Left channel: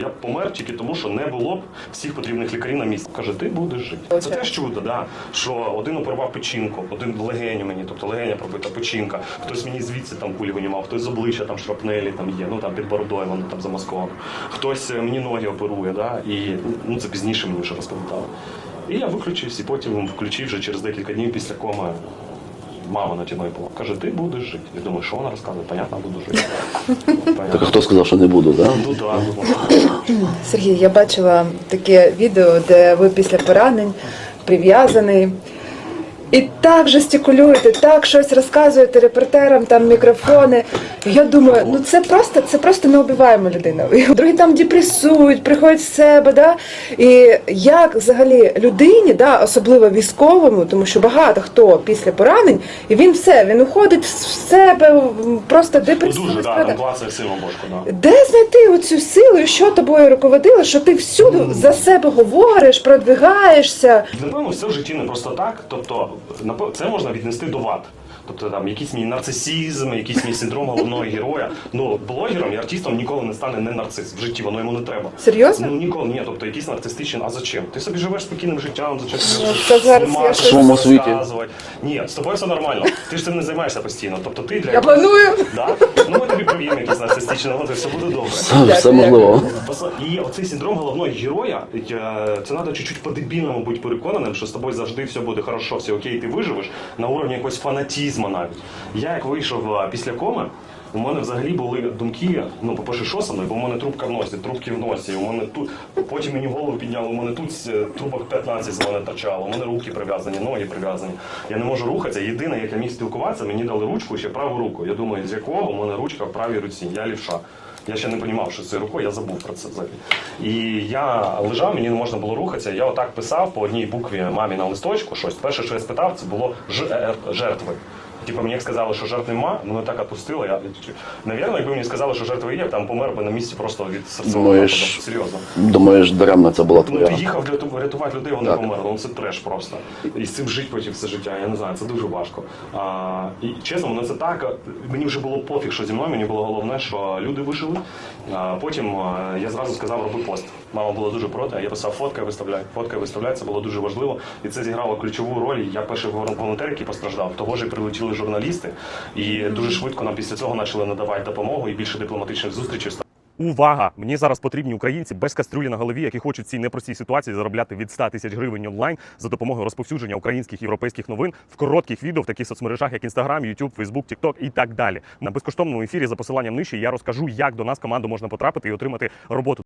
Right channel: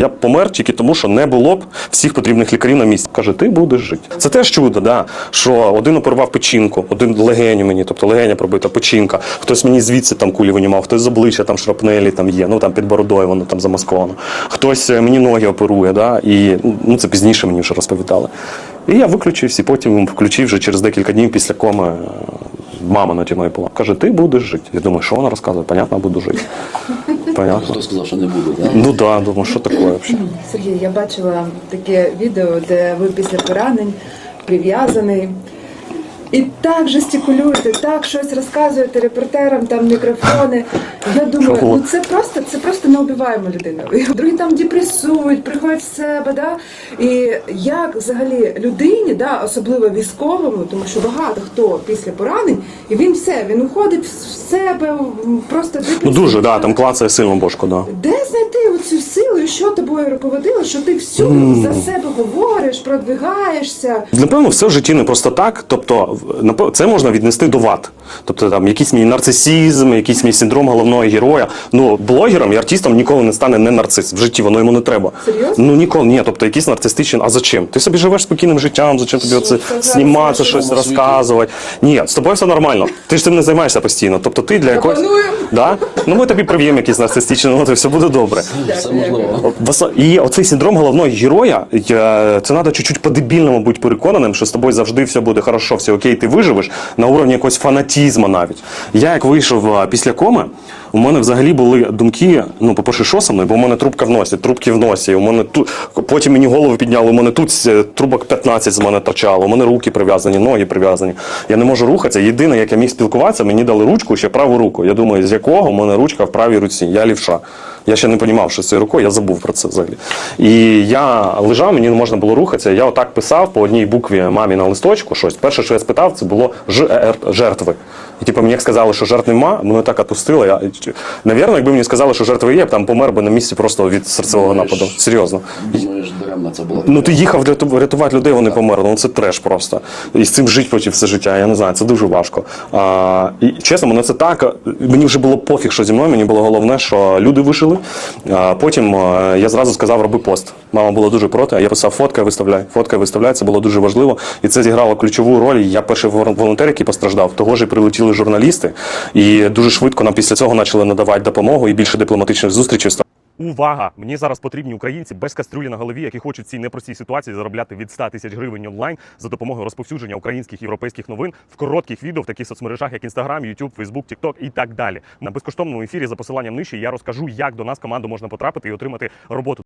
Я б помер тільки тому, що не було б всіх потрібних лікарів на місці. Каже, ти будеш жити. Це теж чудо, да. що один оперував печінку, один легеню мені, тобто легеня пробита, печінка. Хтось мені звідси там кулі винімав, хтось з обличчя там шрапнелі там є, ну там під бородою воно там замасковано. Хтось е, мені ноги оперує, да, і ну це пізніше мені вже розповідали. І я виключився, і потім включив вже через декілька днів після коми. е, Мама наді мною була. Каже, ти будеш жити. Я думаю, що вона розказує? Понятно, буду жити. Понятно. Хто сказав, що не буду, так? Ну так, думаю, що таке взагалі? Сергій, я бачила таке відео, де ви після поранень прив'язаний. І так жестикулюєте, так щось розказуєте репортерам, там мікрофони. Я думаю, ну це просто це просто неубиваєма людина. Другі там депресують, приходять в себе. Да? І як взагалі людині, да, особливо військовому, тому що багато хто після поранень, і він все, він уходить в себе, просто Ну дуже, да, там клацає сильно бошку, да. Де знайти оцю силу, і що тобою руководило, що ти всюди за себе говориш, продвигаєшся? Напевно, все в житті не просто так. Тобто, це можна віднести до вад. Тобто там якийсь мій нарцисізм, якийсь мій синдром головного героя. Ну, блогером і артистом ніколи не стане не нарцис. В житті воно йому не треба. Серйозно? Ну ніколи ні. Тобто якийсь нарцистичний. А зачем? Ти собі живеш спокійним життям, зачем тобі оце знімати, щось розказувати? Ні, з тобою все нормально. Ти ж цим не займаєшся постійно. Тобто ти для якогось. Да? Ну ми тобі прив'ємо якийсь нарцистичний, ну, і все буде добре. Все можливо. І оцей синдром головного героя, це треба чуть-чуть по-дебільному бути переконаним, що з тобою завжди все буде хорошо, все окей, ти виживеш на уровні якогось фанатізму навіть. Я як вийшов після коми, у мене взагалі були думки, ну, по-перше, що со мною, бо у мене трубка в носі, трубки в носі, у мене тут, потім мені голову підняли, у мене тут е, трубок 15 з мене торчало, у мене руки прив'язані, ноги прив'язані. Я не можу рухатися. Єдине, як я міг спілкуватися, мені дали ручку, ще праву руку. Я думаю, з якого у мене ручка в правій руці. Я лівша. Я ще не розумів, що з цією рукою, я забув про це взагалі. І я лежав, мені не можна було рухатися. Я отак писав по одній букві мамі на листочку щось. Перше, що я спитав, це було жертви. І типу мені як сказали, що жертв нема, мене так отпустило. Я, навірно, якби мені сказали, що жертви є, я б там помер би на місці просто від серцевого нападу. Серйозно. Думаєш, даремно це було. Ну ти їхав рятувати людей, вони померли. Ну це треш просто. І з цим жити потім все життя. Я не знаю, це дуже важко. А, і чесно, мене це так. Мені вже було пофіг, що зі мною. Мені було головне, що люди вижили. А, потім я зразу сказав, роби пост. Мама була дуже проти. а Я писав фоткай, виставляй. Фоткай, виставляй. Це було дуже важливо. І це зіграло ключову роль. Я перший волонтер, який постраждав. Того ж і прилетіли журналісти, і дуже швидко нам після цього почали надавати допомогу і більше дипломатичних зустрічей. Увага! Мені зараз потрібні українці без кастрюлі на голові, які хочуть в цій непростій ситуації заробляти від 100 тисяч гривень онлайн за допомогою розповсюдження українських європейських новин в коротких відео в таких соцмережах, як Instagram, YouTube, Facebook, TikTok і так далі. На безкоштовному ефірі за посиланням нижче я розкажу, як до нас команду можна потрапити і отримати роботу.